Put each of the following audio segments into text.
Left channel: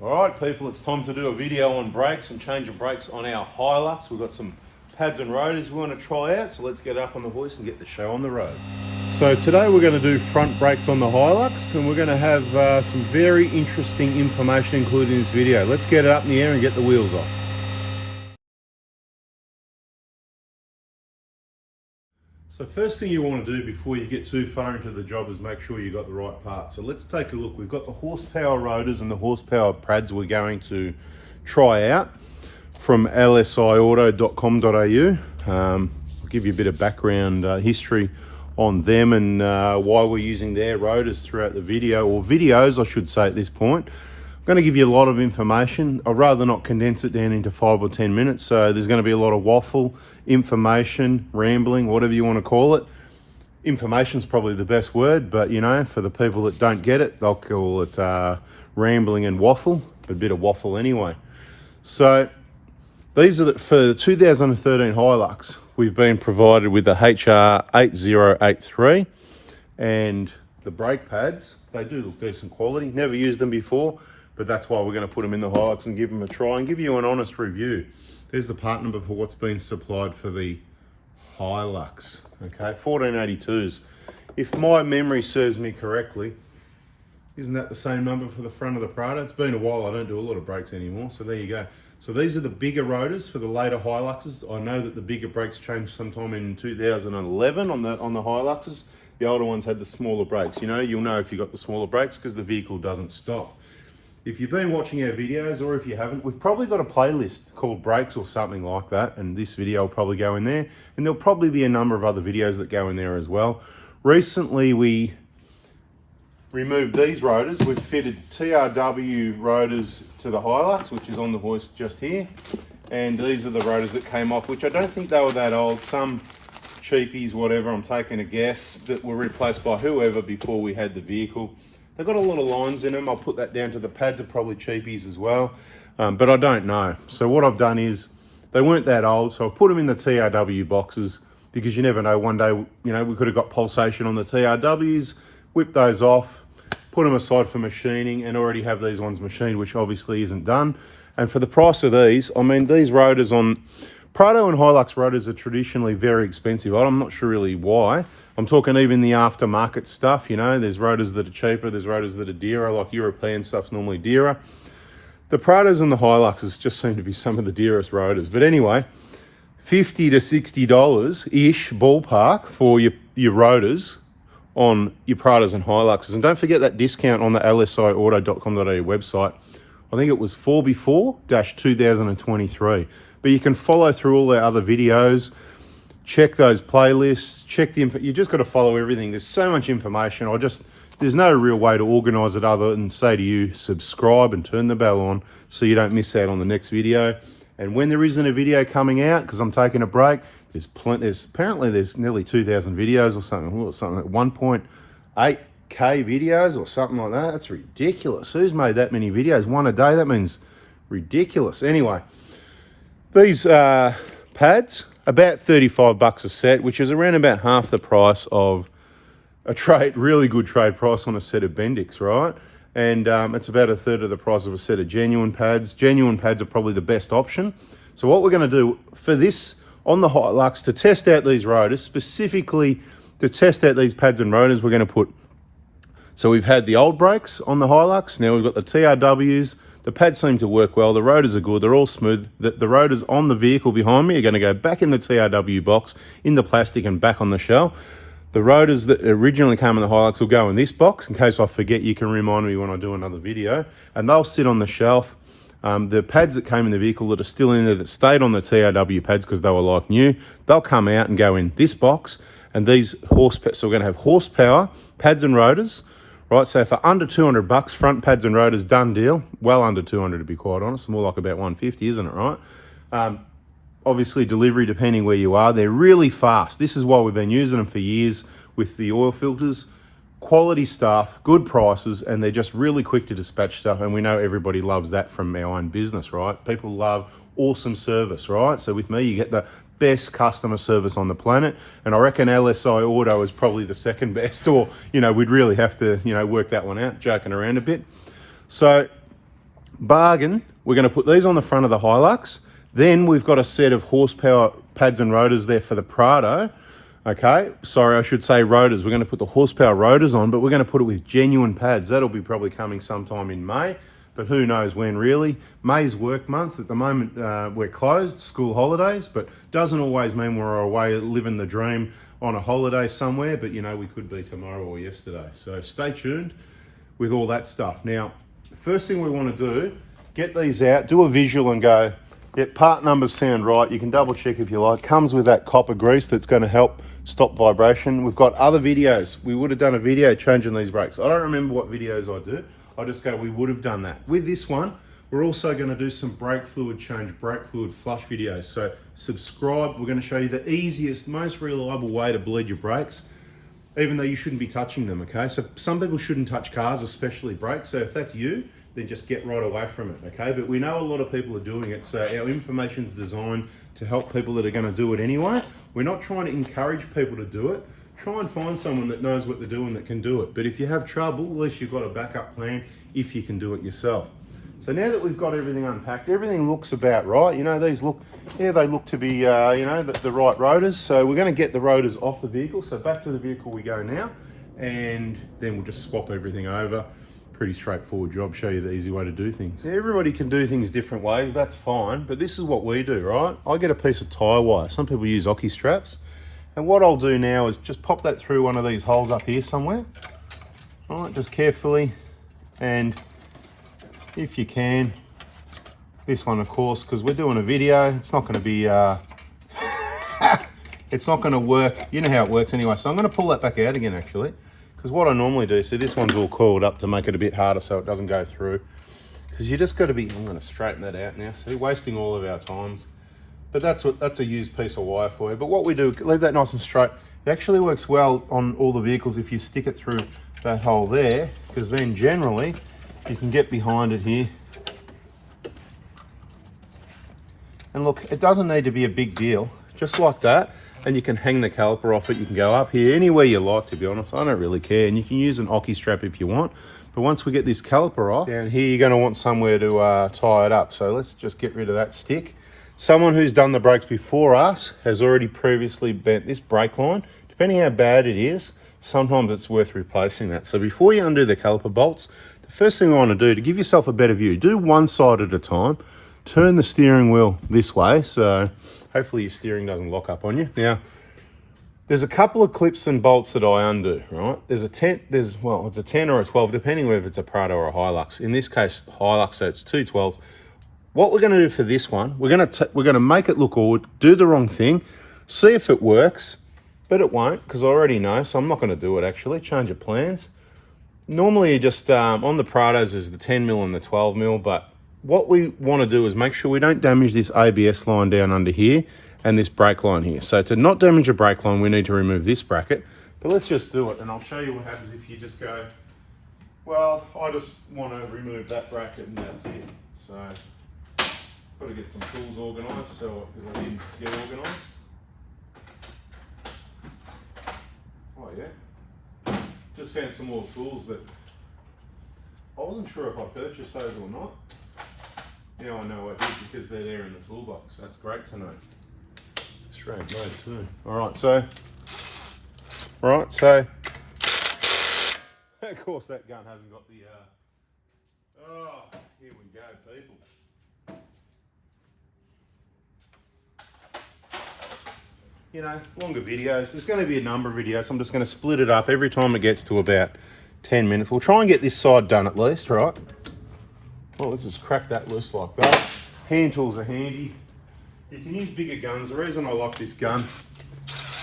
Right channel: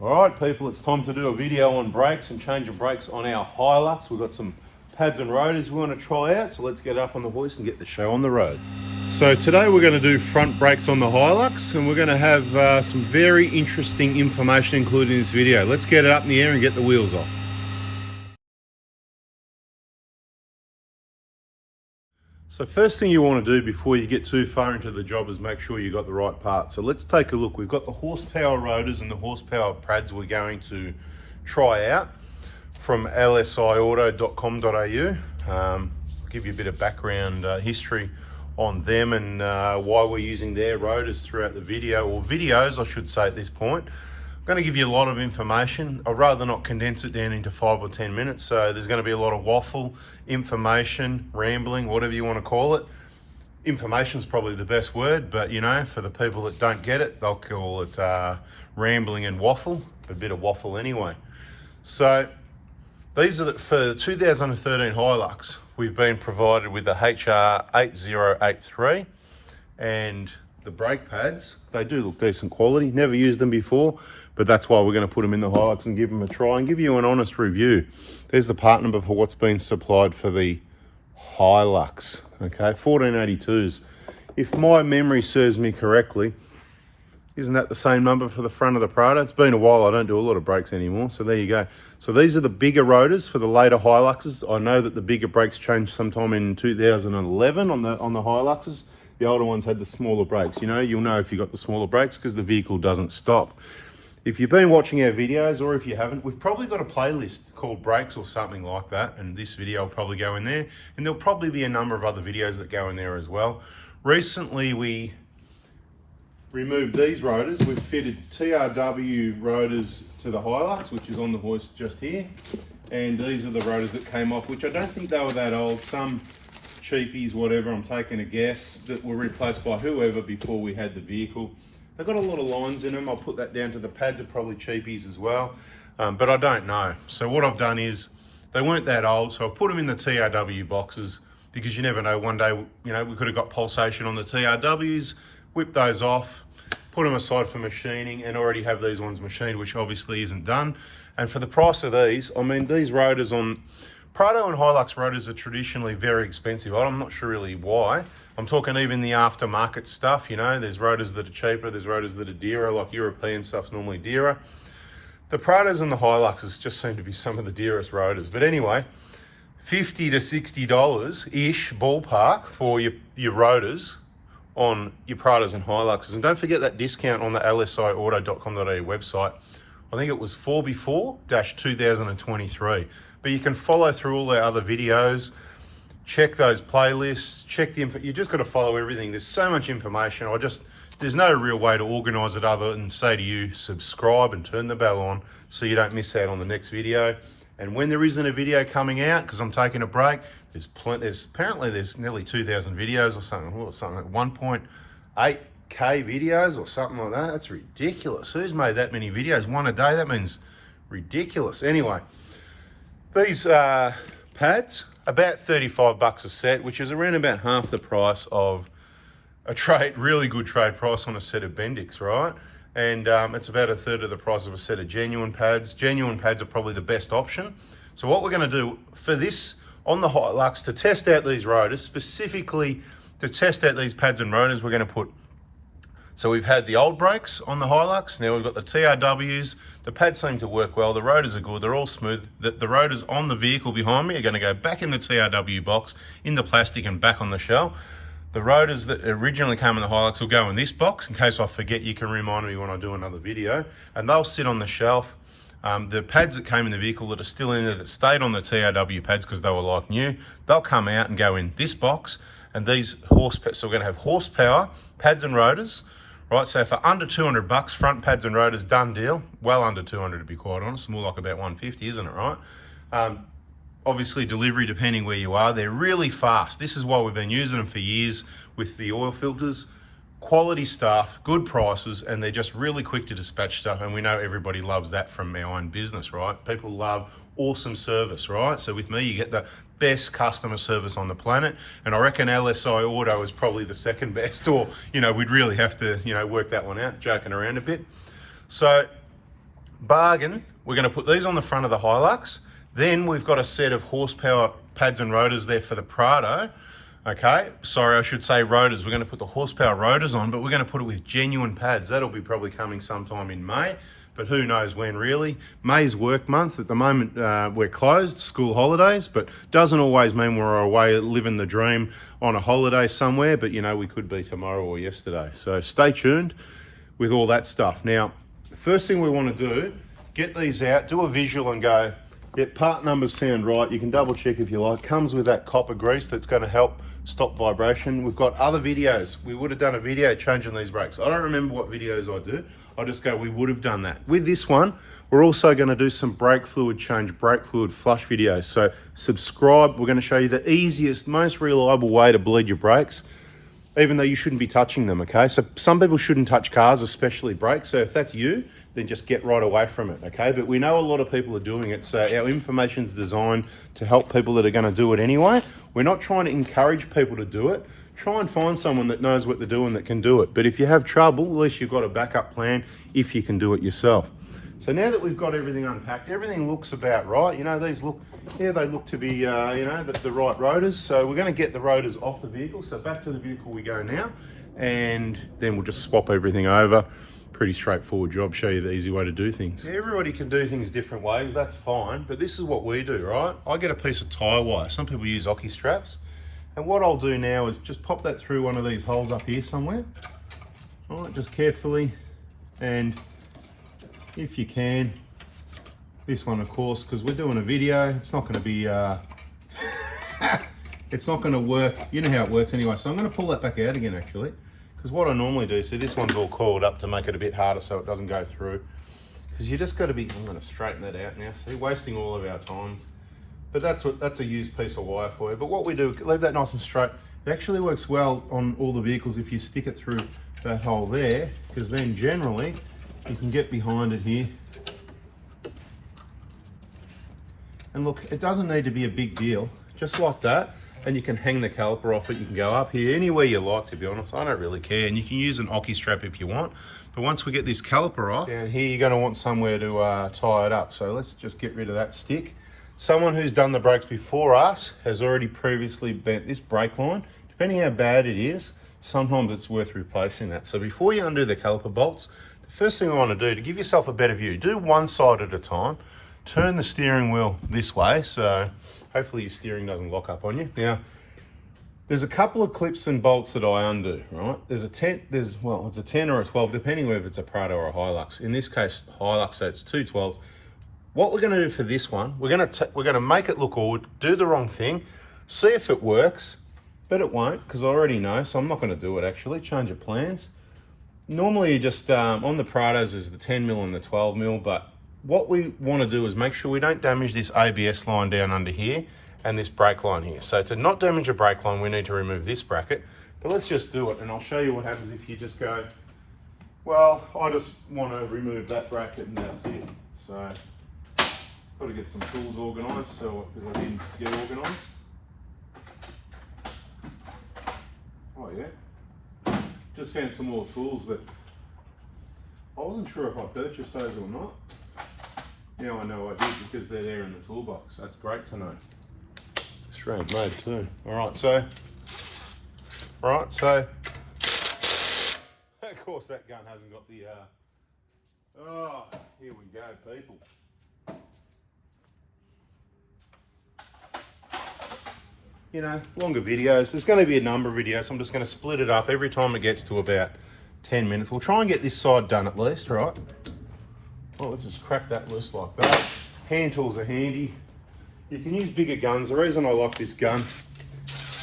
Alright people, it's time to do a video on brakes and change of brakes on our HILUX. We've got some pads and rotors we want to try out, so let's get up on the hoist and get the show on the road. So today we're going to do front brakes on the HILUX, and we're going to have some very interesting information included in this video. Let's get it up in the air and get the wheels off. So first thing you want to do before you get too far into the job is make sure you got the right parts. So let's take a look. We've got the horsepower rotors and the horsepower pads we're going to try out from lsiauto.com.au. Give you a bit of background history on them and why we're using their rotors throughout the video, or videos I should say at this point. I'm going to give you a lot of information. I'd rather not condense it down into 5 or 10 minutes, so there's going to be a lot of waffle, information, rambling, whatever you want to call it. Information's probably the best word, but you know, for the people that don't get it, they'll call it rambling and waffle, a bit of waffle anyway. So these are for the 2013 HILUX. We've been provided with the HR8083 and the brake pads. They do look decent quality. Never used them before, but that's why we're going to put them in the HILUX and give them a try and give you an honest review. There's the part number for what's been supplied for the HILUX. Okay, 1482s. If my memory serves me correctly, isn't that the same number for the front of the Prado? It's been a while. I don't do a lot of brakes anymore, so there you go. So these are the bigger rotors for the later HILUXes. I know that the bigger brakes changed sometime in 2011 on the HILUXes. The older ones had the smaller brakes. You know, you'll know if you got the smaller brakes because the vehicle doesn't stop. If you've been watching our videos, or if you haven't, we've probably got a playlist called Brakes or something like that, and this video will probably go in there, and there'll probably be a number of other videos that go in there as well. Recently we removed these rotors. We've fitted TRW rotors to the HILUX, which is on the hoist just here, and these are the rotors that came off, which I don't think they were that old. Some cheapies, whatever, I'm taking a guess, that were replaced by whoever before we had the vehicle. They've got a lot of lines in them. I'll put that down to the pads are probably cheapies as well, but I don't know. So what I've done is, they weren't that old, so I put them in the TRW boxes, because you never know, one day, you know, we could have got pulsation on the TRWs, whip those off, put them aside for machining, and already have these ones machined, which obviously isn't done. And for the price of these, I mean, these rotors on Prado and HILUX rotors are traditionally very expensive. I'm not sure really why. I'm talking even the aftermarket stuff, you know, there's rotors that are cheaper, there's rotors that are dearer, like European stuff's normally dearer. The Prados and the HILUXes just seem to be some of the dearest rotors. But anyway, $50 to $60-ish ballpark for your rotors on your Prados and HILUXes. And don't forget that discount on the lsiauto.com.au website. I think it was 4 before-2023. But you can follow through all our other videos, check those playlists, check the info. You just got to follow everything. There's so much information. There's no real way to organize it other than say to you, subscribe and turn the bell on so you don't miss out on the next video. And when there isn't a video coming out, because I'm taking a break, apparently there's nearly 2,000 videos or something like 1.8K videos or something like that. That's ridiculous. Who's made that many videos? One a day? That means ridiculous. Anyway, these pads, about 35 bucks a set, which is around about half the price of a really good trade price on a set of Bendix, right? And it's about a third of the price of a set of genuine pads. Genuine pads are probably the best option. So what we're going to do for this on the HILUX, to test out these rotors, specifically to test out these pads and rotors, we're going to put, so we've had the old brakes on the HILUX, now we've got the TRWs. The pads seem to work well, the rotors are good, they're all smooth. The rotors on the vehicle behind me are going to go back in the TRW box, in the plastic and back on the shell. The rotors that originally came in the HILUX will go in this box. In case I forget, you can remind me when I do another video. And they'll sit on the shelf. The pads that came in the vehicle that are still in there, that stayed on the TRW pads because they were like new, they'll come out and go in this box. And these horsepower, so we're going to have horsepower, pads and rotors. Right, so for under 200 bucks, front pads and rotors, done deal. Well under 200 to be quite honest, more like about 150, isn't it, right? Obviously delivery depending where you are, they're really fast. This is why we've been using them for years with the oil filters. Quality stuff, good prices, and they're just really quick to dispatch stuff, and we know everybody loves that from our own business, right? People love awesome service, right? So with me, you get the best customer service on the planet, and I reckon LSI Auto is probably the second best, or, you know, we'd really have to, you know, work that one out, joking around a bit. So bargain. We're going to put these on the front of the HILUX. Then we've got a set of horsepower pads and rotors there for the Prado. Okay, sorry, I should say rotors. We're going to put the horsepower rotors on, but we're going to put it with genuine pads. That'll be probably coming sometime in May, but who knows when really. May's work month. At the moment, we're closed, school holidays, but doesn't always mean we're away living the dream on a holiday somewhere, but you know, we could be tomorrow or yesterday. So stay tuned with all that stuff. Now, the first thing we want to do, get these out, do a visual and go, yeah, part numbers sound right. You can double check if you like. Comes with that copper grease that's going to help stop vibration. We've got other videos. We would have done a video changing these brakes. I don't remember what videos I do. I just go, we would have done that. With this one, we're also going to do some brake fluid change, brake fluid flush videos. So subscribe. We're going to show you the easiest, most reliable way to bleed your brakes, even though you shouldn't be touching them, okay? So some people shouldn't touch cars, especially brakes. So if that's you, then just get right away from it, okay? But we know a lot of people are doing it, so our information's designed to help people that are gonna do it anyway. We're not trying to encourage people to do it. Try and find someone that knows what they're doing that can do it. But if you have trouble, at least you've got a backup plan if you can do it yourself. So now that we've got everything unpacked, everything looks about right. You know, these look, yeah, they look to be, you know, the right rotors. So we're gonna get the rotors off the vehicle. So back to the vehicle we go now, and then we'll just swap everything over. Pretty straightforward job, show you the easy way to do things. Everybody can do things different ways, that's fine, but this is what we do, right? I get a piece of tire wire. Some people use hockey straps. And what I'll do now is just pop that through one of these holes up here somewhere. All right, just carefully. And if you can, this one of course, because we're doing a video, it's not gonna be, it's not gonna work. You know how it works anyway. So I'm gonna pull that back out again actually. Because what I normally do, see this one's all coiled up to make it a bit harder so it doesn't go through. Because you just got to be, I'm going to straighten that out now. So we're wasting all of our times. But that's a used piece of wire for you. But what we do, leave that nice and straight. It actually works well on all the vehicles if you stick it through that hole there. Because then generally, you can get behind it here. And look, it doesn't need to be a big deal. Just like that. And you can hang the caliper off it. You can go up here anywhere you like, to be honest. I don't really care. And you can use an hockey strap if you want. But once we get this caliper off, down here you're going to want somewhere to tie it up. So let's just get rid of that stick. Someone who's done the brakes before us has already previously bent this brake line. Depending how bad it is, sometimes it's worth replacing that. So before you undo the caliper bolts, the first thing I want to do to give yourself a better view, do one side at a time. Turn the steering wheel this way. So hopefully your steering doesn't lock up on you. Now, there's a couple of clips and bolts that I undo, right? There's a 10, well, it's a 10 or a 12, depending whether it's a Prado or a HILUX. In this case, HILUX, so it's two 12s. What we're gonna do for this one, we're gonna make it look awkward, do the wrong thing, see if it works, but it won't, because I already know, so I'm not gonna do it actually, change of plans. Normally you just, on the Prados is the 10mm and the 12mm, but what we want to do is make sure we don't damage this ABS line down under here and this brake line here. So to not damage a brake line, we need to remove this bracket. But let's just do it, and I'll show you what happens if you just go, well, I just want to remove that bracket and that's it. So got to get some tools organised, so because I didn't get organised. Oh yeah, just found some more tools that I wasn't sure if I purchased those or not. Now I know I did because they're there in the toolbox. That's great to know. Australian made too. Alright, so of course that gun hasn't got the oh, here we go, people. You know, longer videos. There's going to be a number of videos, so I'm just going to split it up every time it gets to about 10 minutes. We'll try and get this side done at least, right? Oh, let's just crack that loose like that. Hand tools are handy. You can use bigger guns. The reason I like this gun,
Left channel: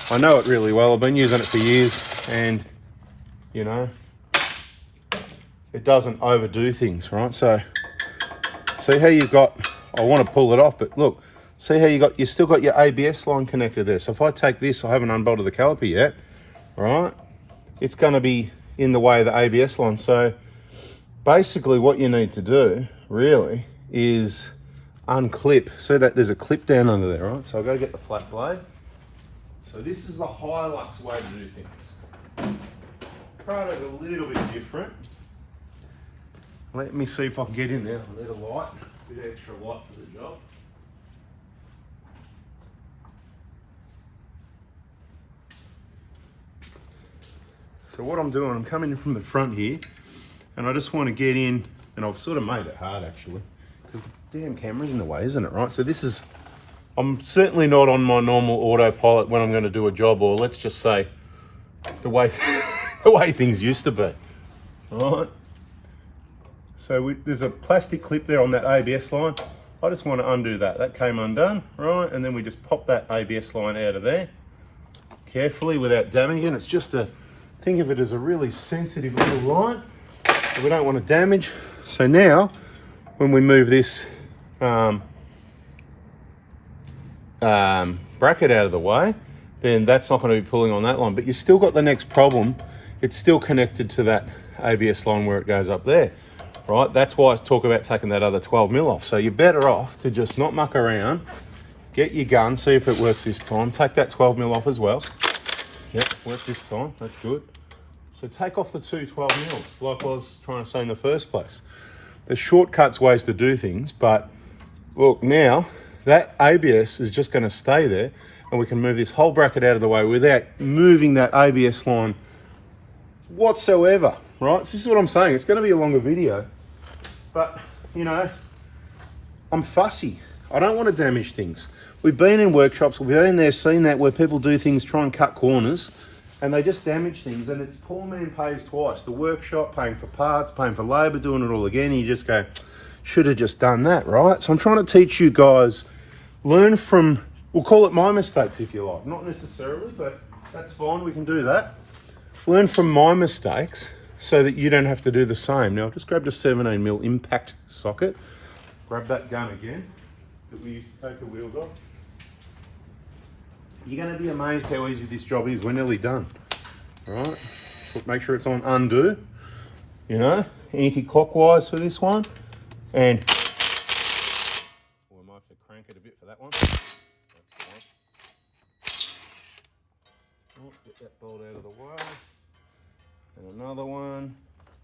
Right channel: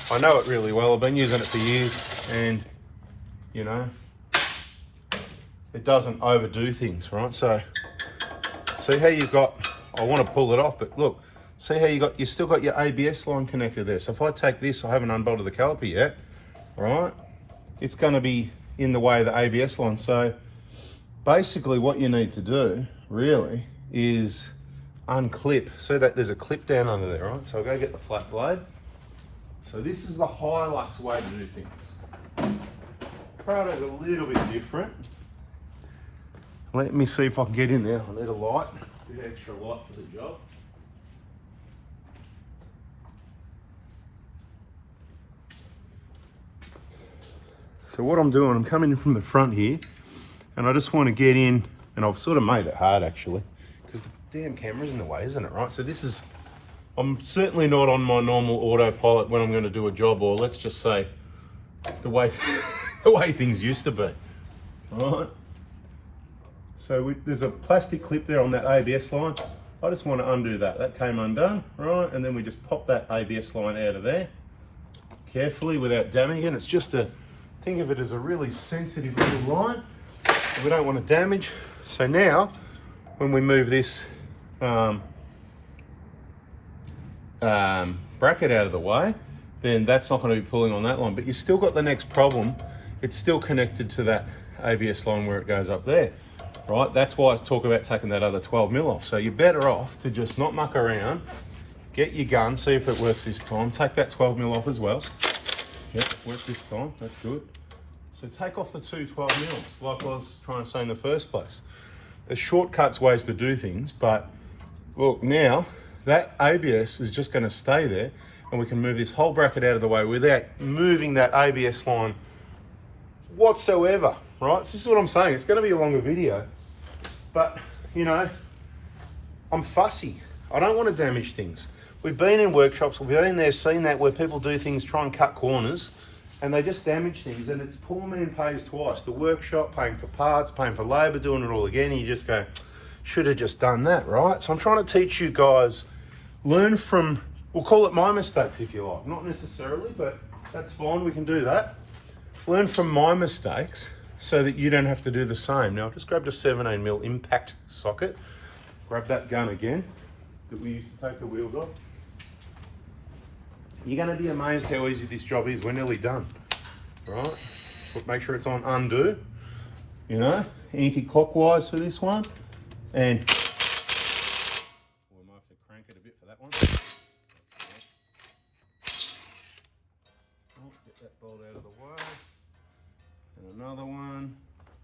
I know it really well. I've been using it for years, and you know, it doesn't overdo things, right? So, see how you've got, I want to pull it off, but look, see how you still got your ABS line connected there. So if I take this, I haven't unbolted the caliper yet, right? It's going to be in the way of the ABS line. So basically what you need to do really is unclip. See that there's a clip down under there, right? So I'll go get the flat blade. So this is the HILUX way to do things. Prado's a little bit different. Let me see if I can get in there. I need a light, a bit extra light for the job. So what I'm doing, I'm coming in from the front here, and I just want to get in, and I've sort of made it hard actually, because the damn camera's in the way, isn't it, right? So this is, I'm certainly not on my normal autopilot when I'm going to do a job, or let's just say the way the way things used to be. All right. So there's a plastic clip there on that ABS line. I just want to undo that. That came undone, right? And then we just pop that ABS line out of there carefully without damaging. It's just a, think of it as a really sensitive little line that we don't want to damage. So now, when we move this bracket out of the way, then that's not going to be pulling on that line. But you've still got the next problem. It's still connected to that ABS line where it goes up there, right? That's why I talk about taking that other 12mm off. So you're better off to just not muck around, get your gun, see if it works this time. Take that 12mm off as well. Yep, worked this time, that's good. So take off the two 12mm, like I was trying to say in the first place. There's shortcuts ways to do things, but look, now that ABS is just going to stay there, and we can move this whole bracket out of the way without moving that ABS line whatsoever, right? So this is what I'm saying. It's going to be a longer video, but you know, I'm fussy. I don't want to damage things. We've been in workshops, we've been there, seen that, where people do things, try and cut corners, and they just damage things, and it's poor man pays twice. The workshop, paying for parts, paying for labour, doing it all again, and you just go, should have just done that, right? So I'm trying to teach you guys, learn from, we'll call it my mistakes if you like. Not necessarily, but that's fine, we can do that. Learn from my mistakes so that you don't have to do the same. Now I've just grabbed a 17mm impact socket. Grab that gun again that we used to take the wheels off. You're going to be amazed how easy this job is. We're nearly done, right? But make sure it's on undo, you know, anti-clockwise for this one. And I might have to crank it a bit for that one. Oh, get that bolt out of the way. And another one.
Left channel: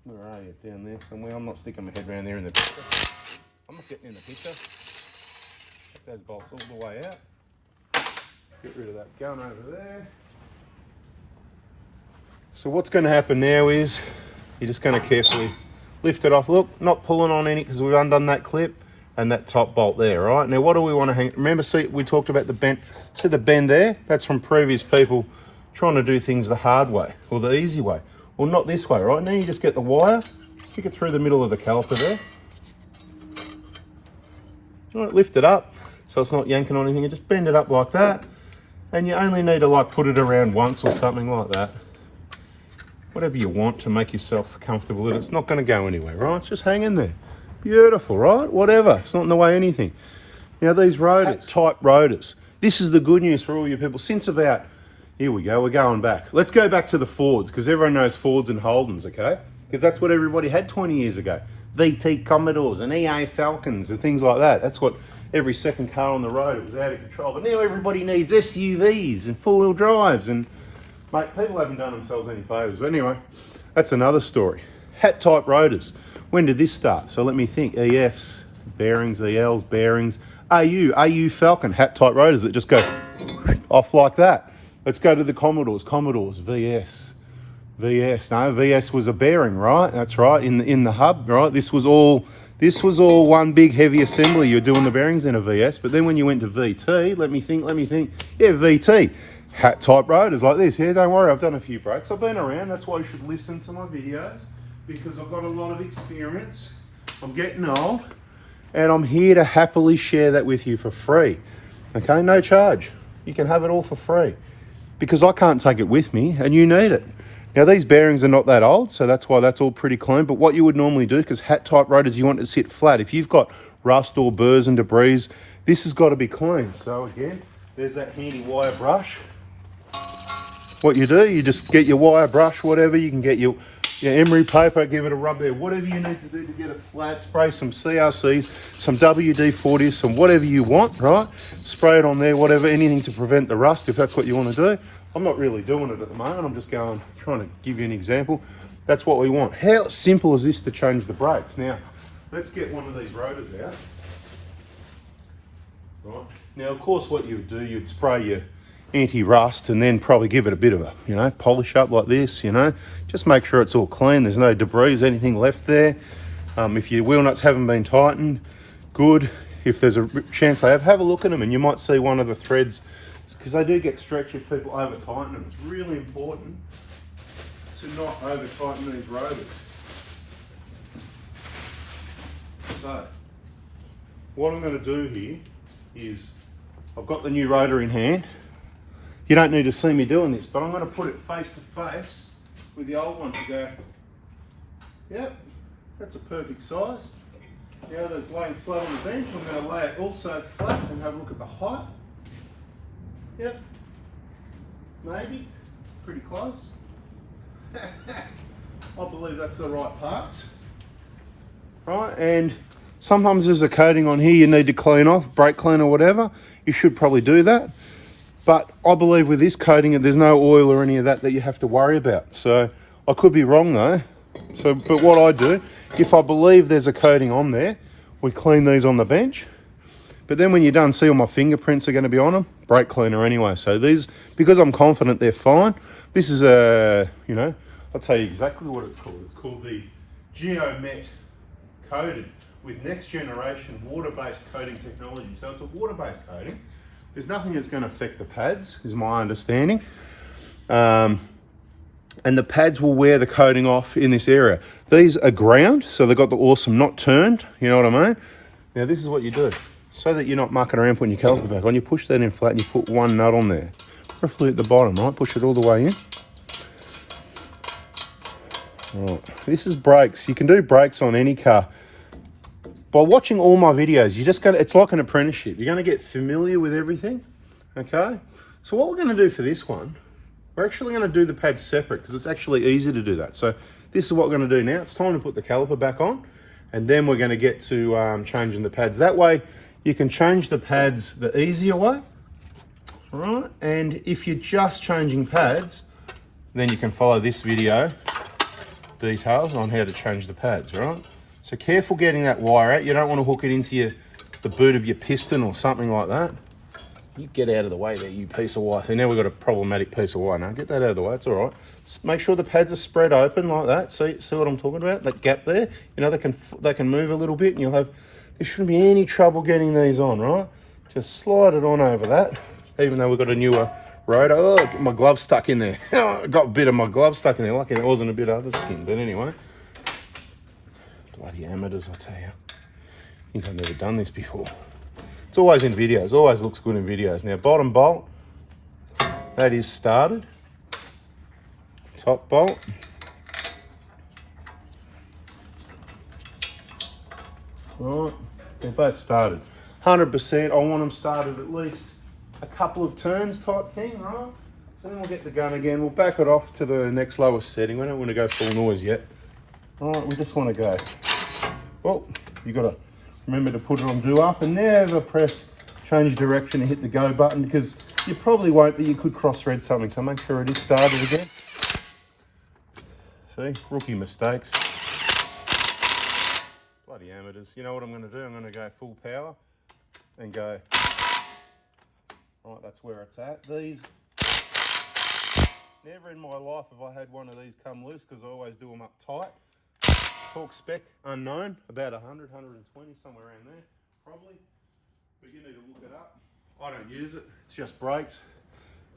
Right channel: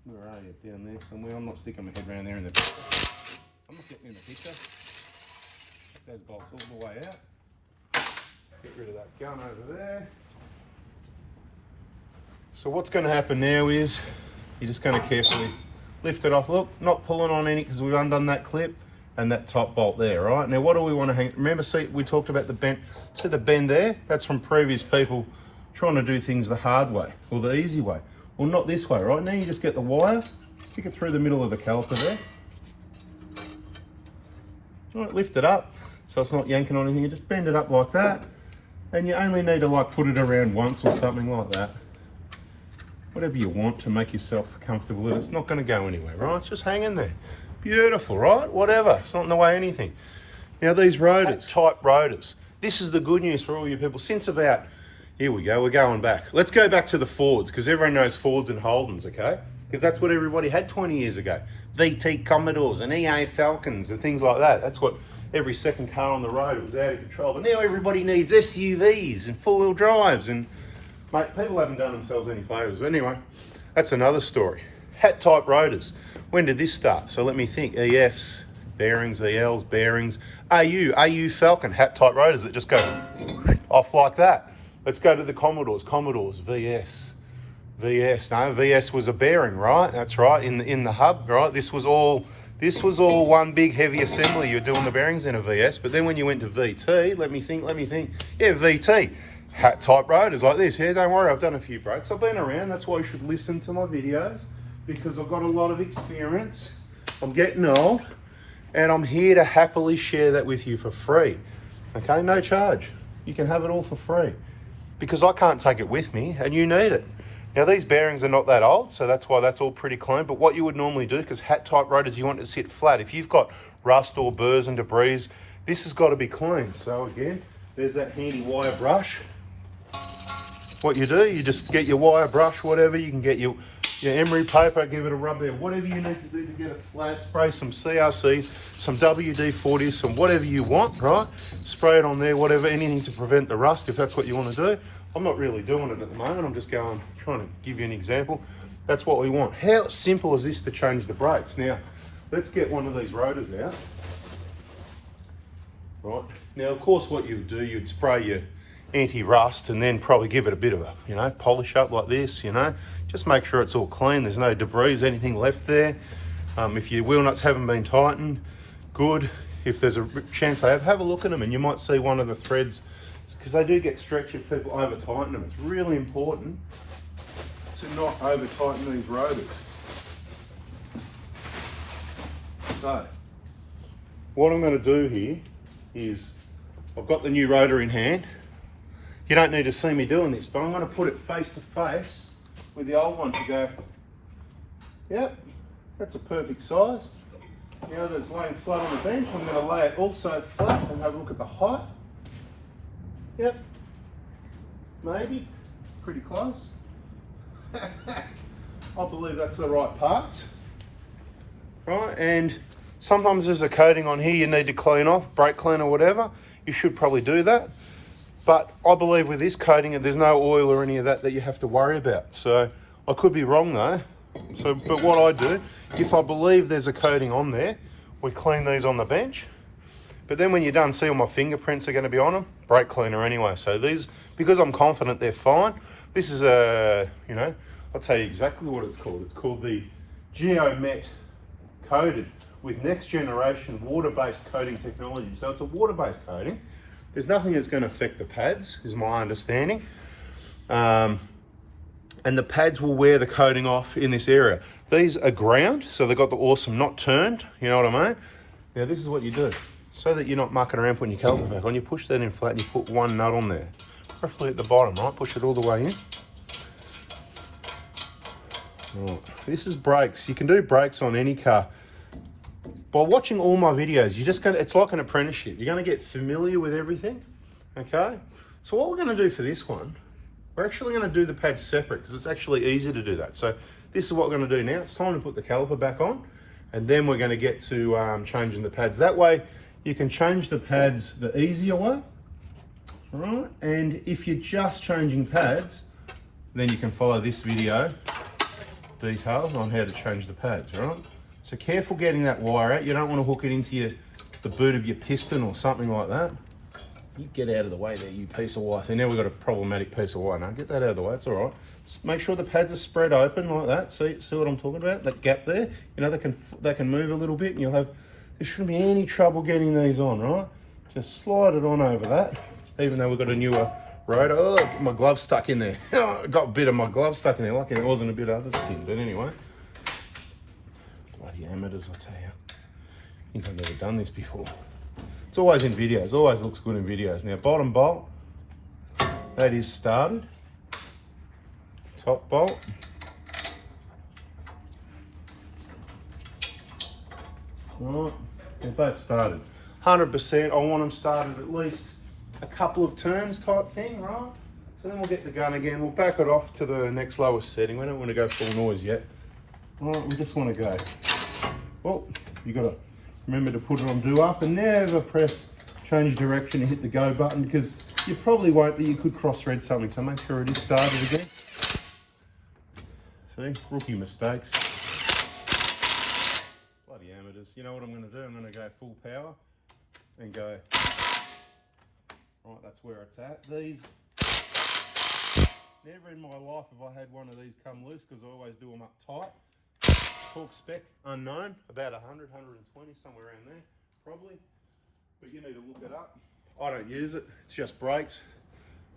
Where are you? Down there somewhere. I'm not sticking my head around there in the picture. I'm not getting in the picture. Take those bolts all the way out. Get rid of that gun over there. So what's going to happen now is you're just going to carefully lift it off. Look, not pulling on any because we've undone that clip and that top bolt there, right? Now what do we want to hang? Remember, see, we talked about the bend. See the bend there? That's from previous people trying to do things the hard way or the easy way. Well, not this way, right? Now you just get the wire, stick it through the middle of the caliper there. All right, lift it up so it's not yanking on anything. You just bend it up like that. And you only need to like put it around once or something like that. Whatever you want to make yourself comfortable with it. It's not going to go anywhere, right? It's just hanging there. Beautiful, right? Whatever. It's not in the way of anything. Now these rotors, type rotors. This is the good news for all you people. Since about, here we go, we're going back. Let's go back to the Fords, because everyone knows Fords and Holdens, okay? Because that's what everybody had 20 years ago. VT Commodores and EA Falcons and things like that. That's what every second car on the road, it was out of control. But now everybody needs SUVs and four-wheel drives, and mate, people haven't done themselves any favours. But anyway, that's another story. Hat type rotors. When did this start? So let me think. EFs, bearings, ELs, bearings. AU Falcon, hat type rotors that just go off like that. Let's go to the Commodores. Commodores, VS. No, VS was a bearing, right? That's right, in the hub, right? This was all one big heavy assembly. You're doing the bearings in a VS, but then when you went to VT, let me think. Yeah, VT, hat type rotors like this. Yeah, don't worry, I've done a few breaks. I've been around. That's why you should listen to my videos, because I've got a lot of experience. I'm getting old, and I'm here to happily share that with you for free. Okay, no charge. You can have it all for free, because I can't take it with me, and you need it. Now these bearings are not that old, so that's why that's all pretty clean. But what you would normally do, because hat type rotors, you want it to sit flat. If you've got rust or burrs and debris, this has got to be clean. So again, there's that handy wire brush. What you do, you just get your wire brush, whatever. You can get your emery paper, give it a rub there. Whatever you need to do to get it flat, spray some CRCs, some WD-40s, some whatever you want, right? Spray it on there, whatever, anything to prevent the rust, if that's what you want to do. I'm not really doing it at the moment. I'm just trying to give you an example. That's what we want. How simple is this to change the brakes? Now, let's get one of these rotors out. Right. Now, of course, what you would do, you'd spray your anti-rust and then probably give it a bit of a, you know, polish up like this, you know. Just make sure it's all clean. There's no debris, anything left there. If your wheel nuts haven't been tightened, good. If there's a chance they have a look at them and you might see one of the threads, because they do get stretched if people over tighten them. It's really important to not over tighten these rotors. So, what I'm going to do here is, I've got the new rotor in hand. You don't need to see me doing this, but I'm going to put it face to face with the old one to go, yep, that's a perfect size. Now that it's laying flat on the bench, I'm going to lay it also flat and have a look at the height. Yep, maybe, pretty close. I believe that's the right parts. Right, and sometimes there's a coating on here you need to clean off, brake clean or whatever. You should probably do that. But I believe with this coating, there's no oil or any of that you have to worry about. So I could be wrong though. So, but what I do, if I believe there's a coating on there, we clean these on the bench. But then when you're done, see all my fingerprints are going to be on them, brake cleaner anyway. So these, because I'm confident they're fine, this is a, you know, I'll tell you exactly what it's called. It's called the Geomet coated with next generation water-based coating technology. So it's a water-based coating. There's nothing that's going to affect the pads, is my understanding. And the pads will wear the coating off in this area. These are ground, so they've got the awesome not turned, you know what I mean? Now this is what you do. So that you're not mucking around putting your caliper back on, you push that in flat and you put one nut on there. Roughly at the bottom, right? Push it all the way in. Right. This is brakes. You can do brakes on any car. By watching all my videos, you're just it's like an apprenticeship. You're gonna get familiar with everything, okay? So what we're gonna do for this one, we're actually gonna do the pads separate because it's actually easy to do that. So this is what we're gonna do now. It's time to put the caliper back on and then we're gonna get to changing the pads. That way you can change the pads the easier way, right? And if you're just changing pads, then you can follow this video details on how to change the pads, right? So careful getting that wire out. You don't want to hook it into the boot of your piston or something like that. You get out of the way there, you piece of wire. So now we've got a problematic piece of wire. Now get that out of the way, it's all right. Just make sure the pads are spread open like that. See what I'm talking about? That gap there, you know, they can move a little bit and you'll have, there shouldn't be any trouble getting these on, right? Just slide it on over that. Even though we've got a newer rotor. Oh, my glove stuck in there. I got a bit of my glove stuck in there. Lucky it wasn't a bit of other skin, but anyway. Bloody amateurs, I tell you. I think I've never done this before. It's always in videos, always looks good in videos. Now, bottom bolt, that is started. Top bolt. Right, they're both started. 100%, I want them started at least a couple of turns type thing, right? So then we'll get the gun again. We'll back it off to the next lowest setting. We don't want to go full noise yet. All right, we just want to go. Well, you got to remember to put it on do up and never press change direction and hit the go button because you probably won't, but you could cross-thread something. So make sure it is started again. See, rookie mistakes. Bloody amateurs. You know what I'm going to do? I'm going to go full power and go. All right, that's where it's at. These, never in my life have I had one of these come loose because I always do them up tight. Torque spec unknown, about 100, 120, somewhere around there, probably. But you need to look it up. I don't use it, it's just brakes.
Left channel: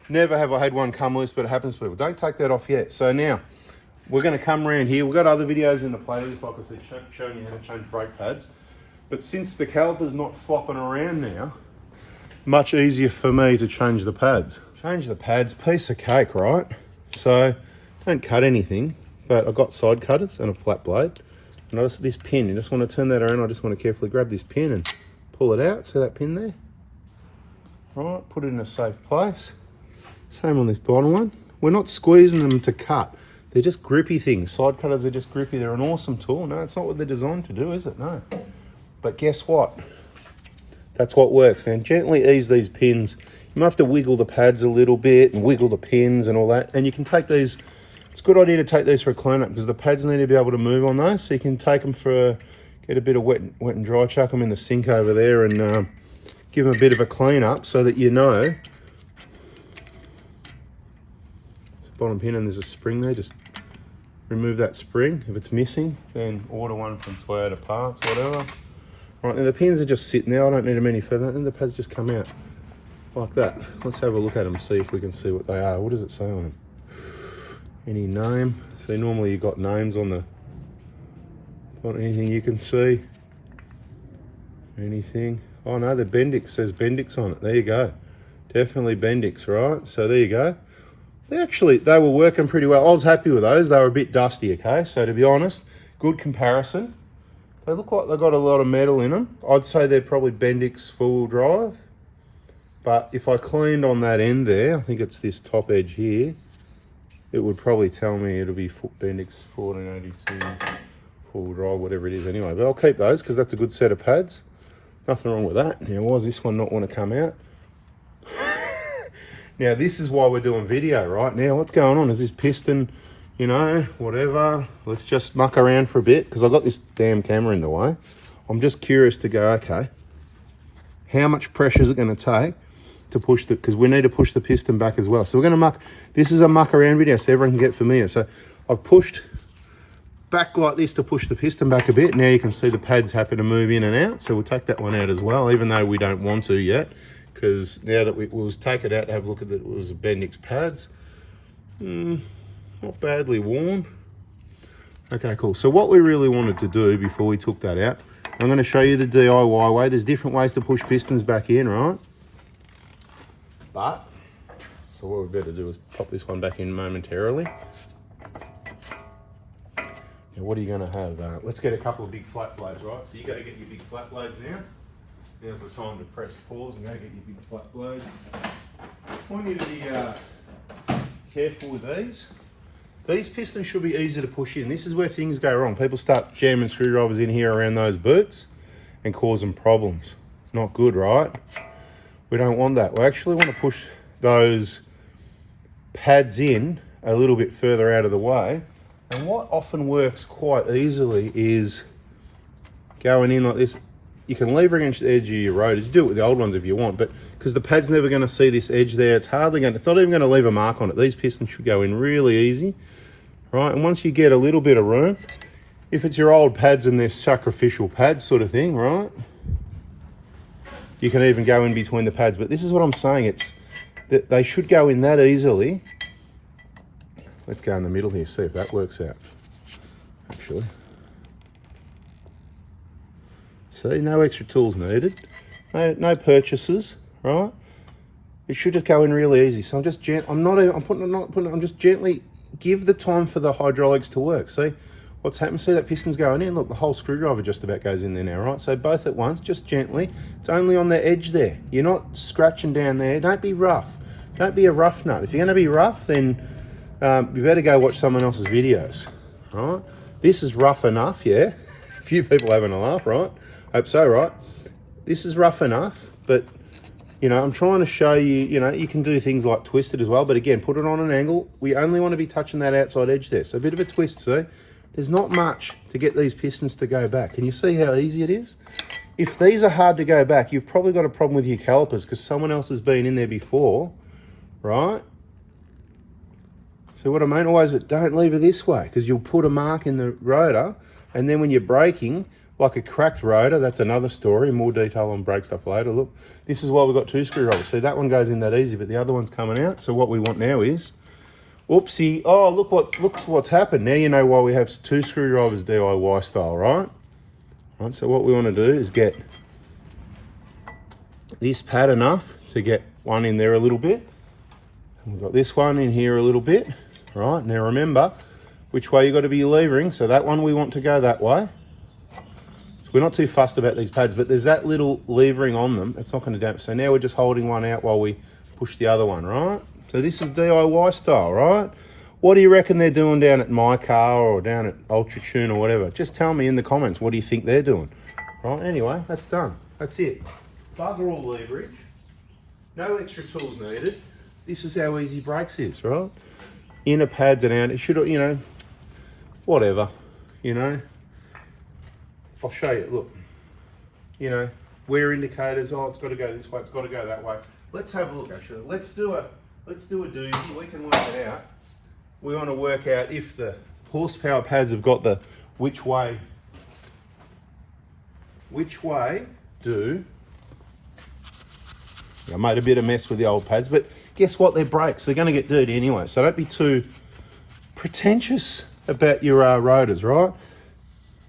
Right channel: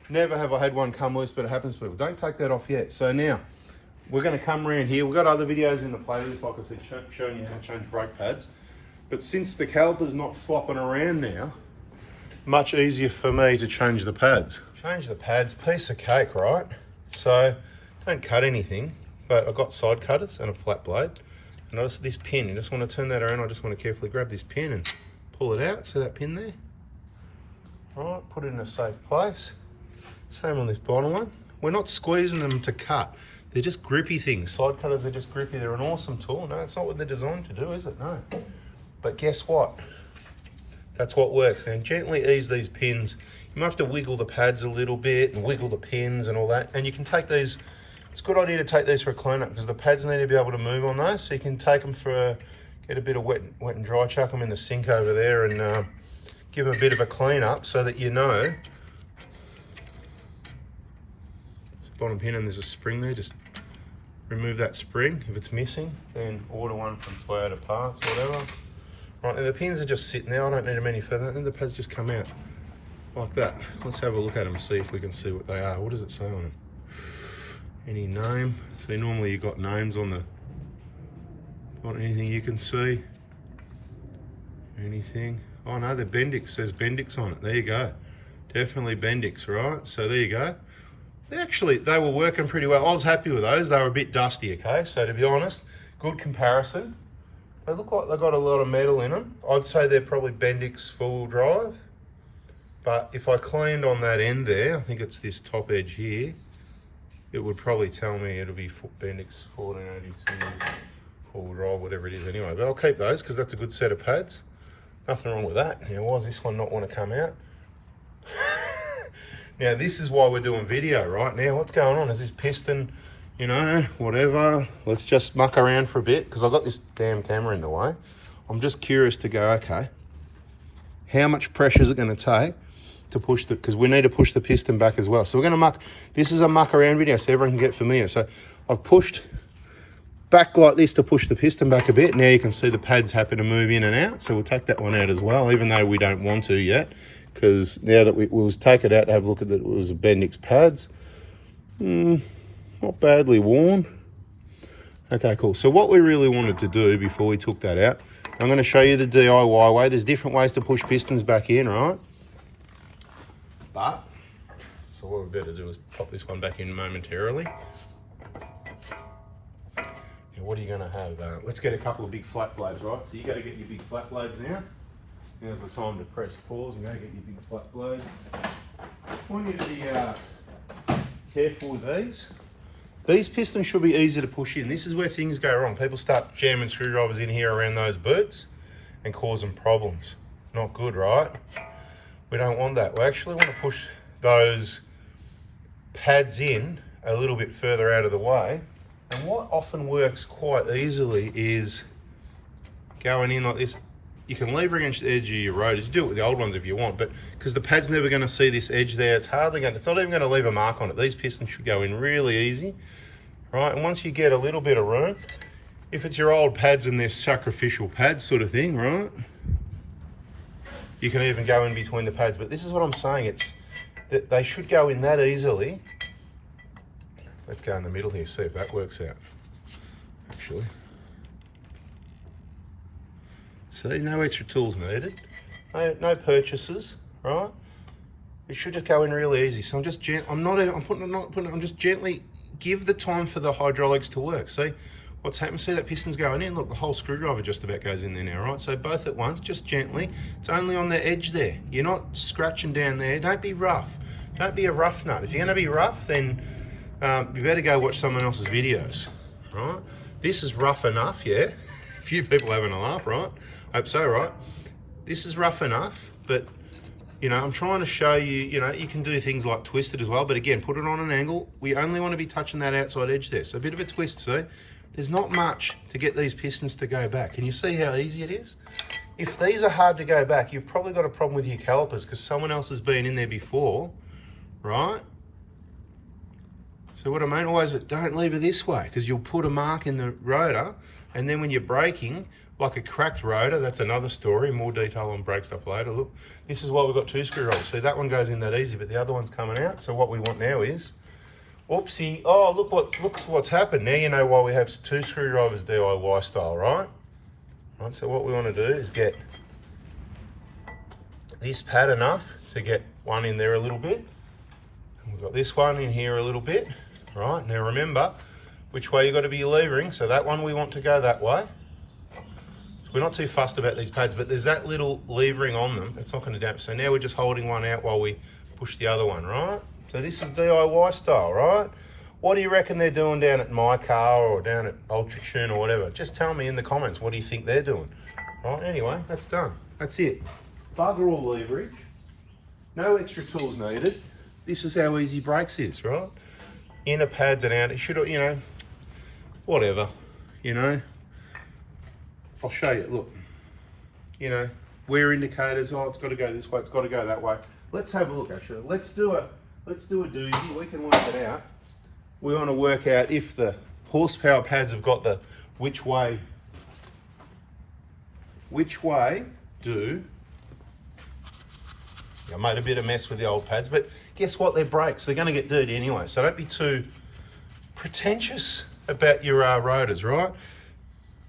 Never have I had one come loose, but it happens to people. Don't take that off yet. So now, we're gonna come around here. We've got other videos in the playlist, like I said, showing you how to change brake pads. But since the caliper's not flopping around now, much easier for me to change the pads. Change the pads, piece of cake, right? So, don't cut anything, but I've got side cutters and a flat blade. Notice this pin, you just want to turn that around. I just want to carefully grab this pin and pull it out. See that pin there? Right, put it in a safe place. Same on this bottom one. We're not squeezing them to cut. They're just grippy things. Side cutters are just grippy. They're an awesome tool. No, it's not what they're designed to do, is it? No. But guess what? That's what works. Now gently ease these pins. You might have to wiggle the pads a little bit and wiggle the pins and all that. And you can take these it's a good idea to take these for a clean up because the pads need to be able to move on those. So you can take them for get a bit of wet and dry, chuck them in the sink over there and give them a bit of a clean up so that you know. It's a bottom pin and there's a spring there, just remove that spring. If it's missing, then order one from Toyota Parts, whatever. Right, now the pins are just sitting there, I don't need them any further, and the pads just come out like that. Let's have a look at them and see if we can see what they are. What does it say on them? Any name? So normally you've got names on the, not anything you can see. Anything? Oh no, the Bendix says Bendix on it. There you go. Definitely Bendix, right? So there you go. They were working pretty well. I was happy with those. They were a bit dusty, okay? So to be honest, good comparison. They look like they've got a lot of metal in them. I'd say they're probably Bendix four-wheel drive. But if I cleaned on that end there, I think it's this top edge here, it would probably tell me it'll be Bendix 1482 four-wheel drive, whatever it is anyway. But I'll keep those because that's a good set of pads. Nothing wrong with that. Now, why does this one not want to come out? Now, this is why we're doing video, right? Now, what's going on? Is this piston, you know, whatever? Let's just muck around for a bit because I've got this damn camera in the way. I'm just curious to go, okay, how much pressure is it going to take to push the, because we need to push the piston back as well. So we're going to muck, this is a muck around video so everyone can get familiar. So I've pushed back like this to push the piston back a bit. Now you can see the pads happen to move in and out. So we'll take that one out as well, even though we don't want to yet. Because now that we'll take it out to have a look at it, it was a Bendix pads. Not badly worn. Okay, cool. So what we really wanted to do before we took that out, I'm going to show you the DIY way. There's different ways to push pistons back in, right? But, so what we better do is pop this one back in momentarily. Now what are you going to have? Let's get a couple of big flat blades, right? So you got to get your big flat blades now. Now's the time to press pause and go get your big flat blades. I want you to be careful with these. These pistons should be easy to push in. This is where things go wrong. People start jamming screwdrivers in here around those boots and causing problems. Not good, right? We don't want that. We actually want to push those pads in a little bit further out of the way. And what often works quite easily is going in like this. You can lever against the edge of your rotors. You do it with the old ones if you want, but because the pad's never going to see this edge there, it's not even going to leave a mark on it. These pistons should go in really easy, right? And once you get a little bit of room, if it's your old pads and they're sacrificial pads sort of thing, right? You can even go in between the pads, but this is what I'm saying. It's that they should go in that easily. Let's go in the middle here, see if that works out, actually. See, no extra tools needed, no purchases, right? It should just go in really easy. So I'm just I'm just gently give the time for the hydraulics to work. See what's happening? See that piston's going in. Look, the whole screwdriver just about goes in there now, right? So both at once, just gently. It's only on the edge there. You're not scratching down there. Don't be rough. Don't be a rough nut. If you're going to be rough, then you better go watch someone else's videos, right? This is rough enough, yeah. A few people having a laugh, right? Hope so, right? This is rough enough, but you know, I'm trying to show you, you know, you can do things like twist it as well, but again, put it on an angle. We only want to be touching that outside edge there. So a bit of a twist, see? There's not much to get these pistons to go back. Can you see how easy it is? If these are hard to go back, you've probably got a problem with your calipers because someone else has been in there before, right? So what I mean always, don't leave it this way because you'll put a mark in the rotor, and then when you're braking, like a cracked rotor, that's another story, more detail on brake stuff later. Look, this is why we've got two screwdrivers. See, that one goes in that easy, but the other one's coming out. So what we want now is, oopsie, oh, look what's happened. Now you know why we have two screwdrivers DIY style, right? Right, so what we want to do is get this pad enough to get one in there a little bit. We've got this one in here a little bit, right? Now remember which way you've got to be levering. So that one we want to go that way. We're not too fussed about these pads, but there's that little levering on them. It's not going to damp. So now we're just holding one out while we push the other one, right? So this is DIY style, right? What do you reckon they're doing down at My Car or down at Ultra Tune or whatever? Just tell me in the comments, what do you think they're doing? Right, anyway, that's done. That's it. Bugger all leverage. No extra tools needed. This is how easy brakes is, right? inner pads and out. It should, you know, whatever, you know. I'll show you, look, you know, wear indicators. Oh, it's got to go this way, it's got to go that way. Let's have a look, actually. Let's do a doozy. We can work it out. We want to work out if the horsepower pads have got the which way do. I made a bit of mess with the old pads, but guess what? They're brakes. They're going to get dirty anyway, so don't be too pretentious about your rotors, right?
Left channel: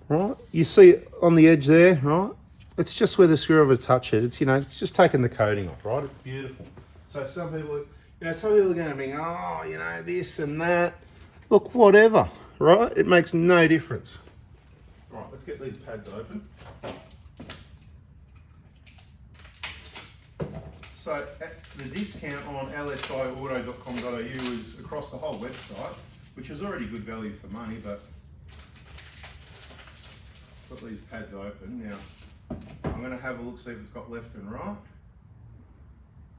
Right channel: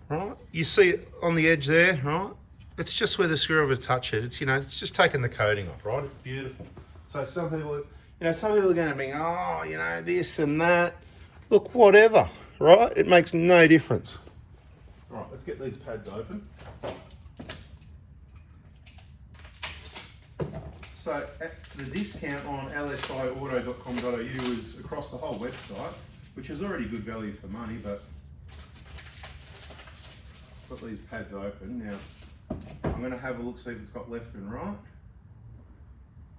Right? You see on the edge there, right? It's just where the screwdriver touch it. It's, you know, it's just taking the coating off, right? It's beautiful. So some people, you know, some people are going to be, oh, you know, this and that. Look, whatever, right? It makes no difference. Right, let's get these pads open. So the discount on lsiauto.com.au is across the whole website, which is already good value for money, but got these pads open. Now, I'm going to have a look, see if it's got left and right.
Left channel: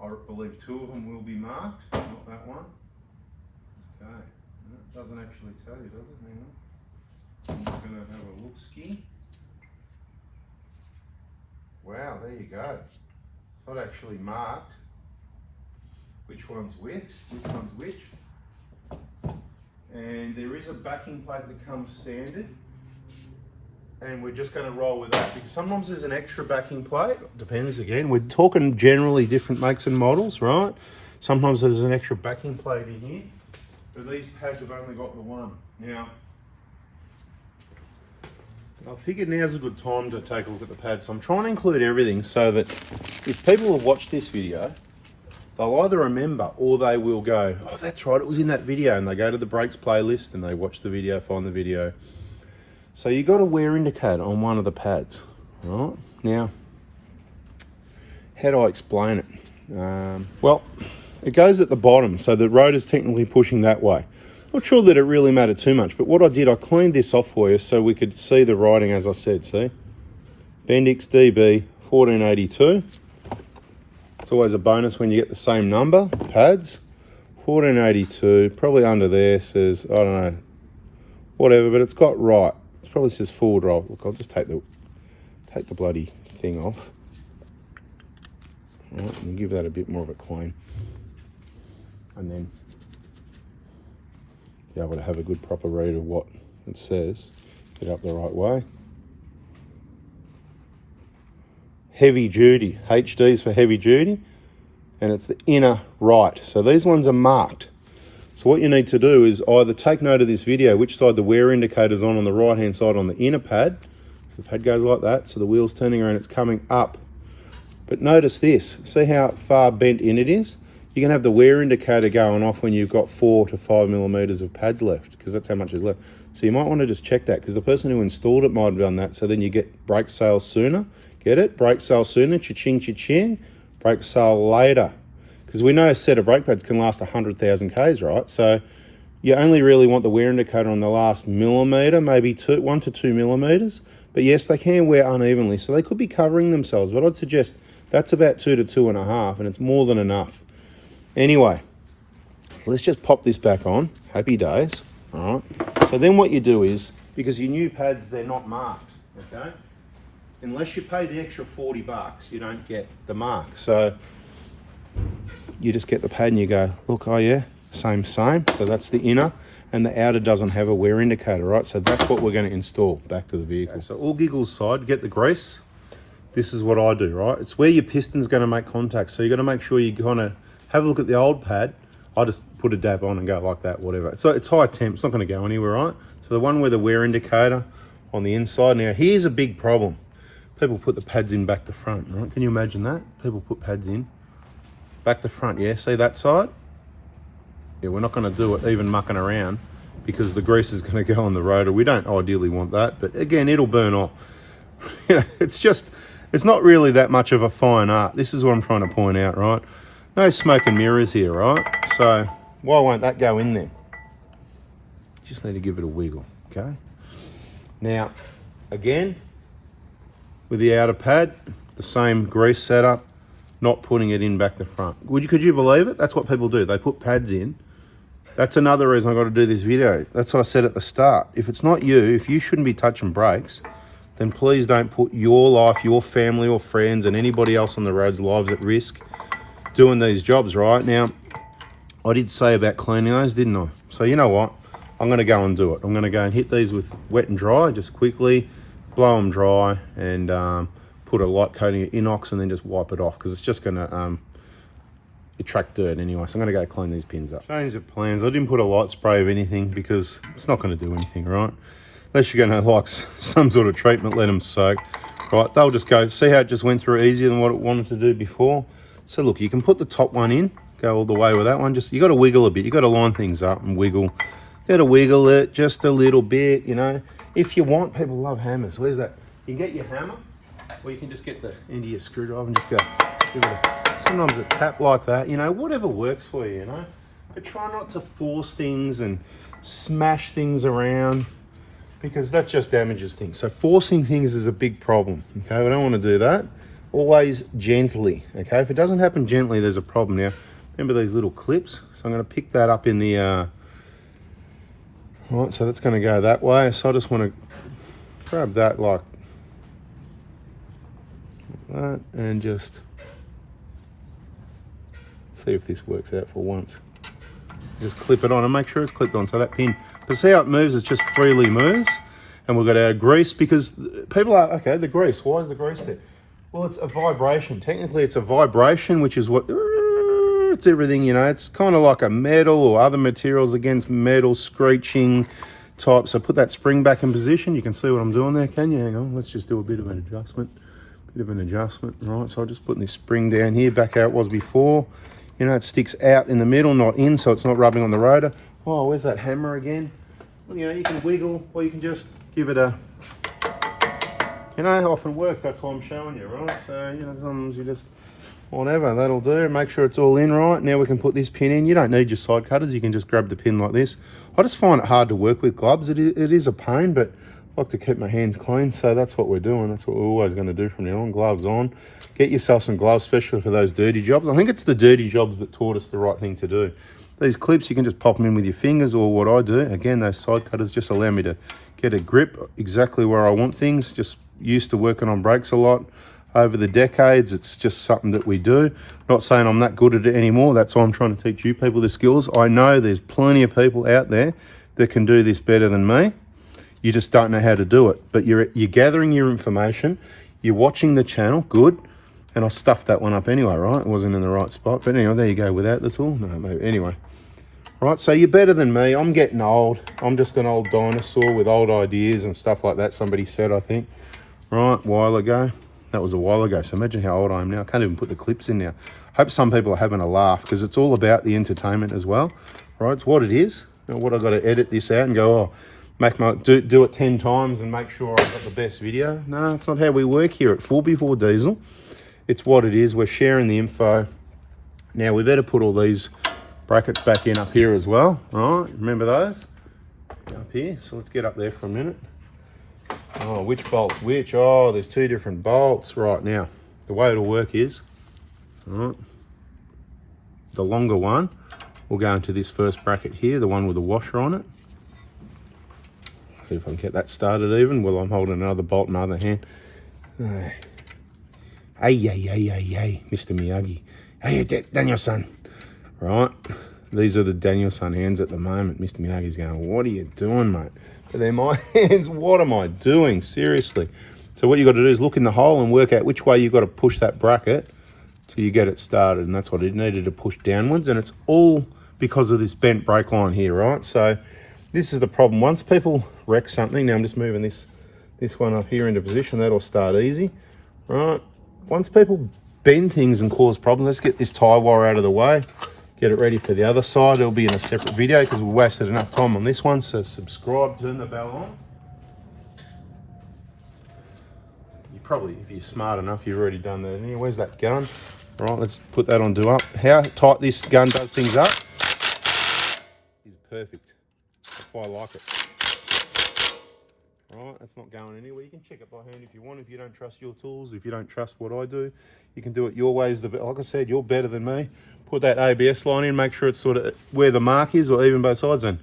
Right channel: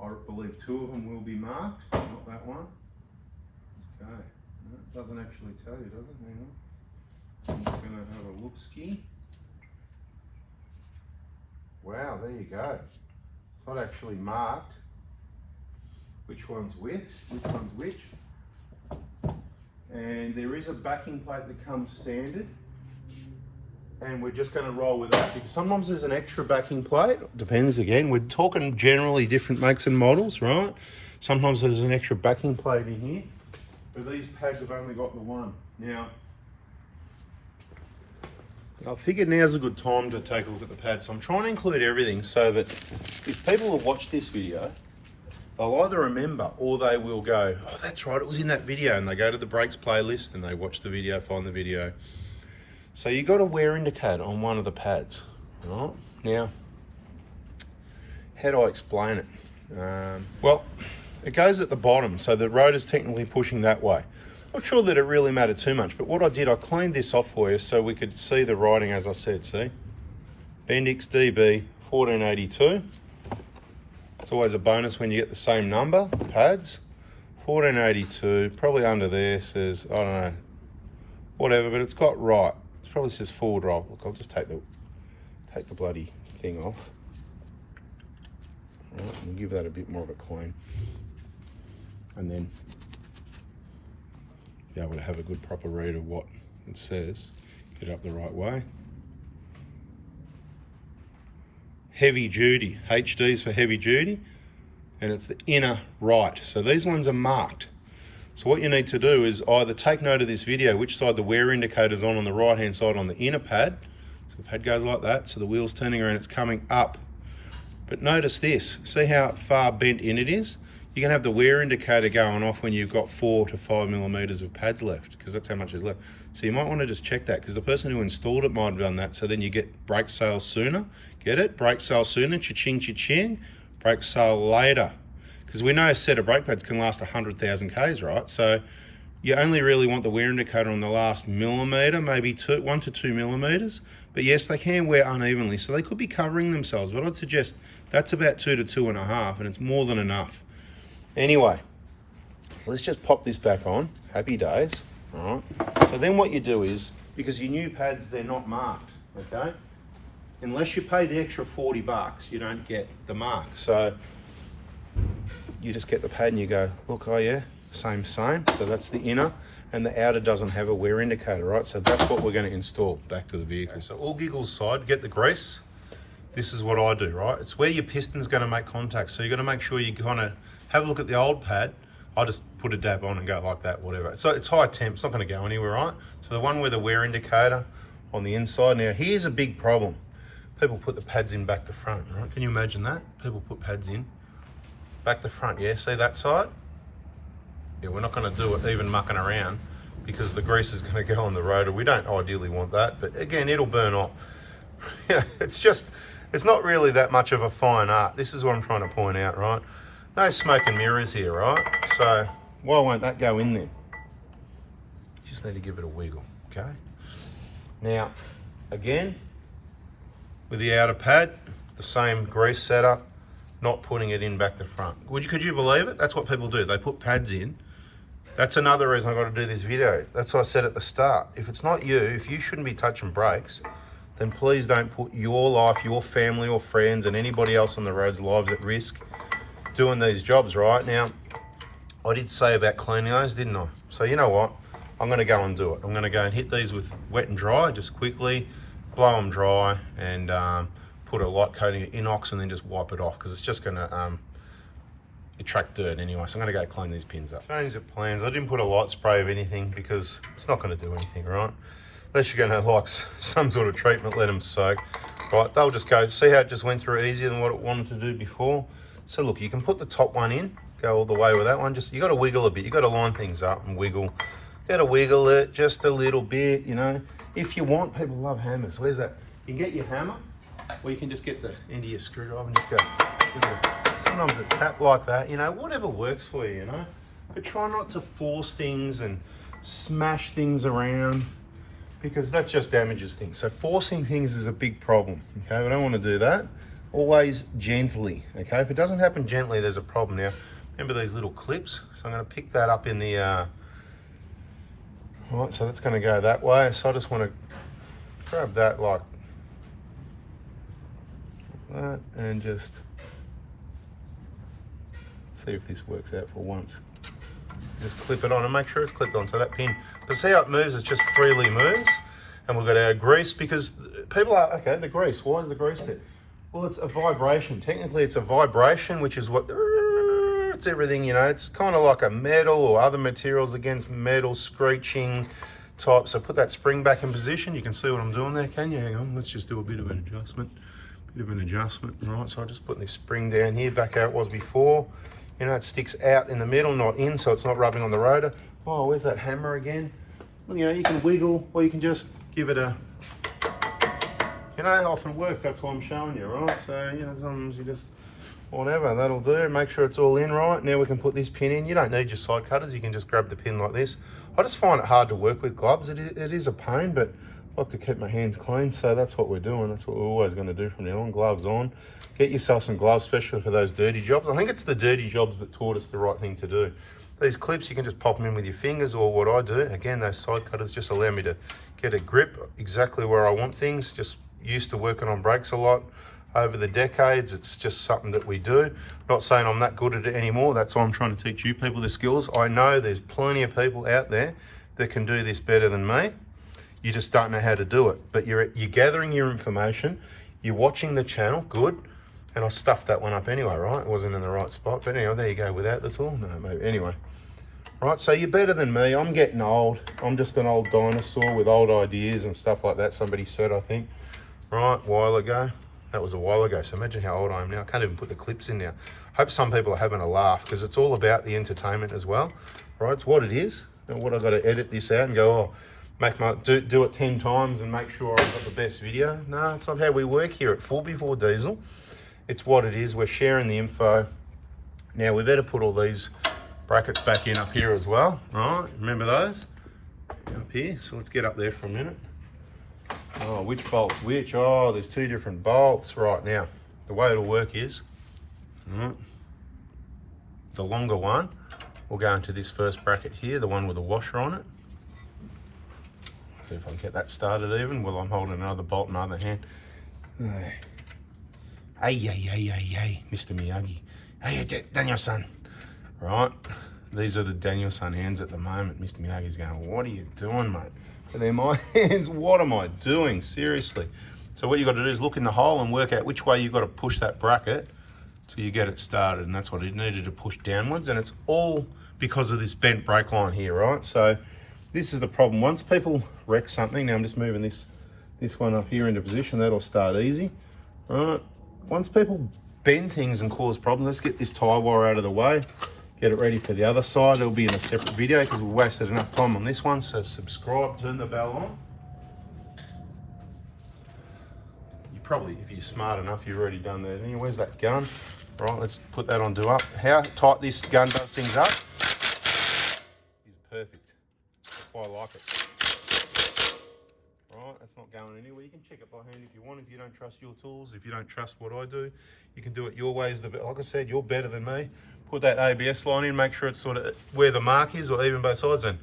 I believe 2 of them will be marked, not that one. Okay, it doesn't actually tell you, does it? Hang on. I'm just going to have a look-ski. Wow, there you go. It's not actually marked which one's which. And there is a backing plate that comes standard. And we're just going to roll with that because sometimes there's an extra backing plate. Depends again. We're talking generally different makes and models, right? Sometimes there's an extra backing plate in here, but these pads have only got the one. Now, I figured now's a good time to take a look at the pads. So I'm trying to include everything so that if people have watched this video, they'll either remember or they will go, oh, that's right, it was in that video. And they go to the brakes playlist and they watch the video, find the video. So you got a wear indicator on one of the pads, right? Now, how do I explain it? Well, it goes at the bottom, so the rotor's technically pushing that way. Not sure that it really mattered too much, but what I did, I cleaned this off for you so we could see the writing as I said, see? Bendix DB 1482. It's always a bonus when you get the same number, pads. 1482, probably under there says, I don't know, whatever, but it's got right. It probably says forward roll. Look, I'll just take the bloody thing off. Right, and give that a bit more of a clean. And then be able to have a good proper read of what it says. Get up the right way. Heavy duty, HD's for heavy duty, and it's the inner right. So these ones are marked. So what you need to do is either take note of this video, which side the wear indicator's on the right hand side on the inner pad. So the pad goes like that, so the wheel's turning around, it's coming up. But notice this, see how far bent in it is? You're gonna have the wear indicator going off when you've got 4 to 5 millimeters of pads left, because that's how much is left. So you might want to just check that, because the person who installed it might have done that, so then you get brake sales sooner. Get it? Brake sale sooner, cha-ching, cha-ching. Brake sale later. Because we know a set of brake pads can last 100,000 Ks, right? So you only really want the wear indicator on the last millimeter, maybe 1 to 2 millimeters. But yes, they can wear unevenly, so they could be covering themselves. But I'd suggest that's about 2 to 2.5, and it's more than enough. Anyway, so let's just pop this back on. Happy days. All right. So then what you do is, because your new pads, they're not marked, okay? Unless you pay the extra 40 bucks, you don't get the mark. So you just get the pad and you go, look, oh yeah, same. So that's the inner, and the outer doesn't have a wear indicator, right? So that's what we're going to install back to the vehicle. So all giggles aside, get the grease. This is what I do, right? It's where your piston's going to make contact. So you got to make sure you kind of have a look at the old pad. I just put a dab on and go like that, whatever. So it's high temp, it's not going to go anywhere, right? So the one with the wear indicator on the inside. Now here's a big problem. People put the pads in back to front, right? Can you imagine that? People put pads in back to front, yeah? See that side? Yeah, we're not going to do it even mucking around, because the grease is going to go on the rotor. We don't ideally want that, but again, it'll burn off. You know, it's not really that much of a fine art. This is what I'm trying to point out, right? No smoke and mirrors here, right? So why won't that go in there? You just need to give it a wiggle, okay? Now, again, with the outer pad, the same grease setup, not putting it in back to front. Could you believe it? That's what people do. They put pads in That's another reason I got to do this video. That's what I said at the start. If it's not you, if you shouldn't be touching brakes, then please don't put your life, your family or friends and anybody else on the road's lives at risk doing these jobs. Right now, I did say about cleaning those, didn't I? So you know what? I'm going to go and do it. I'm going to go and hit these with wet and dry, just quickly, blow them dry, and put a light coating of inox and then just wipe it off, because it's just going to attract dirt anyway. So I'm going to go clean these pins up. Change the plans. I didn't put a light spray of anything because it's not going to do anything, right? Unless you're going to like some sort of treatment, let them soak. Right, they'll just go, see how it just went through easier than what it wanted to do before? So look, you can put the top one in, go all the way with that one. Just, you got to wiggle a bit. You got to line things up and wiggle. You got to wiggle it just a little bit, you know. If you want, people love hammers. Where's that? You can get your hammer, or you can just get the end of your screwdriver and just go. Sometimes a tap like that, you know, whatever works for you, you know. But try not to force things and smash things around, because that just damages things. So forcing things is a big problem, okay? We don't want to do that. Always gently, okay? If it doesn't happen gently, there's a problem. Now, remember these little clips? So I'm going to pick that up in the, right, so that's going to go that way. So I just want to grab that like that and just see if this works out for once. Just clip it on and make sure it's clipped on. So that pin, but see how it moves? It just freely moves. And we've got our grease, because people are, okay, the grease, why is the grease there? Well, it's a vibration. Technically, it's a vibration, which is what, it's everything, you know. It's kind of like a metal or other materials against metal, screeching type. So put that spring back in position. You can see what I'm doing there, can you? Hang on, let's just do a bit of an adjustment. Right, so I'm just putting this spring down here, back how it was before. You know, it sticks out in the middle, not in, so it's not rubbing on the rotor. Oh, where's that hammer again? Well, you know, you can wiggle, or you can just give it a, you know, it often works. That's why I'm showing you, right? So, you know, sometimes you just, whatever, that'll do. Make sure it's all in right. Now we can put this pin in. You don't need your side cutters. You can just grab the pin like this. I just find it hard to work with gloves. It is a pain, but I like to keep my hands clean, so that's what we're doing. That's what we're always going to do from now on. Gloves on. Get yourself some gloves, especially for those dirty jobs. I think it's the dirty jobs that taught us the right thing to do. These clips, you can just pop them in with your fingers, or what I do, again, those side cutters just allow me to get a grip exactly where I want things. Just used to working on brakes a lot over the decades. It's just something that we do. Not saying I'm that good at it anymore. That's why I'm trying to teach you people the skills. I know there's plenty of people out there that can do this better than me. You just don't know how to do it. But you're gathering your information. You're watching the channel. Good. And I stuffed that one up anyway, right? It wasn't in the right spot. But anyway, there you go. Without the tool. No, maybe. Anyway. Right, so you're better than me. I'm getting old. I'm just an old dinosaur with old ideas and stuff like that. Somebody said, I think, right, a while ago. That was a while ago. So imagine how old I am now. I can't even put the clips in now. Hope some people are having a laugh, because it's all about the entertainment as well. Right, it's what it is. You know, what I've got to edit this out and go, oh, do it 10 times and make sure I get the best video. No, that's not how we work here at Full Before Diesel. It's what it is. We're sharing the info. Now we better put all these brackets back in up here as well. All right, remember those? Up here. So let's get up there for a minute. Oh, which bolt's which? Oh, there's two different bolts. Right, now, the way it'll work is, all right, the longer one will go into this first bracket here, the one with the washer on it. See if I can get that started even while I'm holding another bolt in the other hand. Hey, Mr. Miyagi. Hey, Daniel-san. Right, these are the Daniel-san hands at the moment. Mr. Miyagi's going, what are you doing, mate? But they're my hands. What am I doing? Seriously. So what you got to do is look in the hole and work out which way you've got to push that bracket till you get it started. And that's what it needed to push downwards. And it's all because of this bent brake line here, right? So this is the problem. Once people wreck something, now I'm just moving this one up here into position. That'll start easy, right? Once people bend things and cause problems, let's get this tie wire out of the way. Get it ready for the other side. It'll be in a separate video because we've wasted enough time on this one. So subscribe, turn the bell on. You probably, if you're smart enough, you've already done that. Where's that gun? All right, let's put that on do up. How tight this gun does things up is perfect. That's why I like it. right? That's not going anywhere. You can check it by hand if you want. If you don't trust your tools, if you don't trust what I do, you can do it your way. Like I said, you're better than me. Put that ABS line in, make sure it's sort of where the mark is, or even both sides then.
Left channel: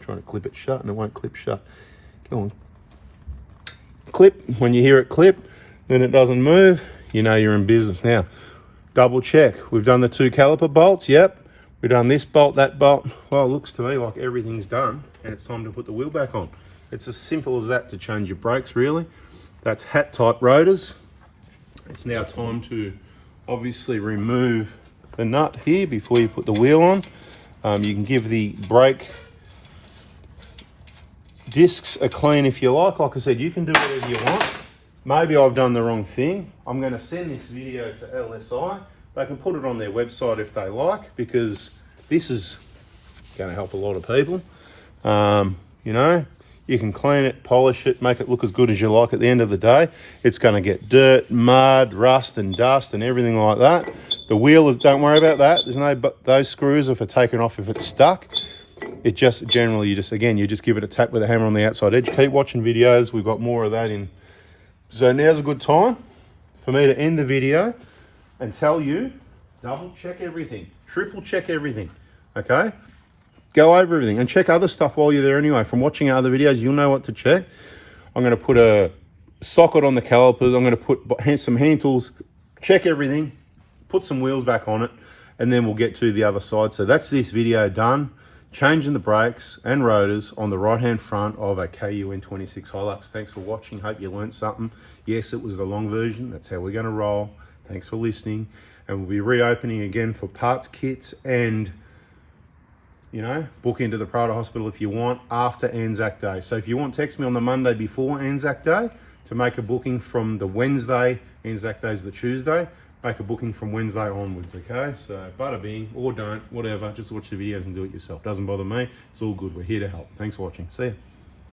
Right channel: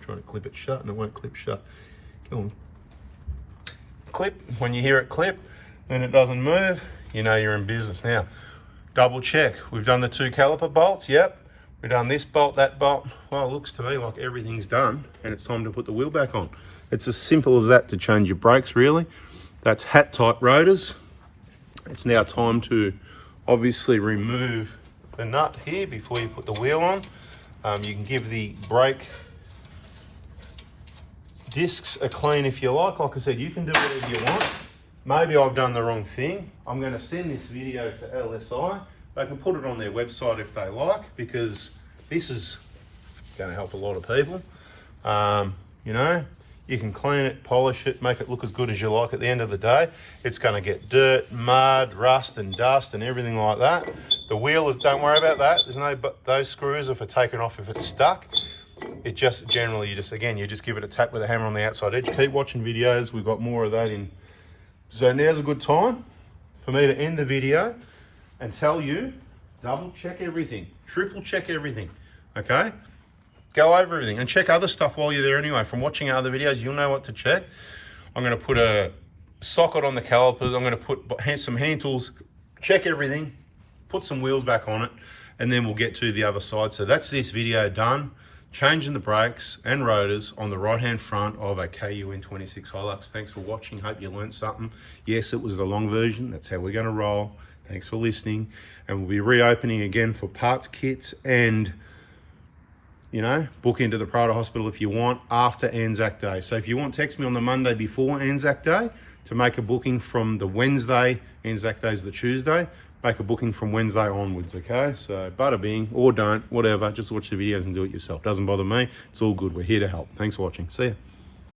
Trying to clip it shut and it won't clip shut. Go on. Clip. When you hear it clip, then it doesn't move, you know you're in business. Now, double check. We've done the 2 caliper bolts, yep. We've done this bolt, that bolt. Well, it looks to me like everything's done and it's time to put the wheel back on. It's as simple as that to change your brakes, really. That's hat type rotors. It's now time to obviously remove the nut here before you put the wheel on. You can give the brake discs a clean if you like. Like I said, you can do whatever you want. Maybe I've done the wrong thing. I'm going to send this video to LSI. They can put it on their website if they like, because this is going to help a lot of people. You know, you can clean it, polish it, make it look as good as you like. At the end of the day, it's going to get dirt, mud, rust and dust and everything like that. The wheel is, don't worry about that. There's no, but those screws are for taking off if it's stuck. It just generally, you just give it a tap with a hammer on the outside edge. Keep watching videos. We've got more of that in. So now's a good time for me to end the video and tell you, double check everything, triple check everything, okay? Go over everything and check other stuff while you're there anyway. From watching other videos, you'll know what to check. I'm gonna put a socket on the calipers. I'm gonna put some hand tools, check everything, put some wheels back on it, and then we'll get to the other side. So that's this video done. Changing the brakes and rotors on the right hand front of a Kun26 HILUX. Thanks for watching. Hope you learned something. Yes, it was the long version. That's how we're going to roll. Thanks for listening. And we'll be reopening again for parts kits and, you know, book into the Prada Hospital if you want after Anzac Day. So if you want, text me on the Monday before Anzac Day to make a booking from the Wednesday. Anzac Day is the Tuesday. Make a booking from Wednesday onwards, okay? So bada bing, or don't, whatever. Just watch the videos and do it yourself. Doesn't bother me. It's all good. We're here to help. Thanks for watching. See ya.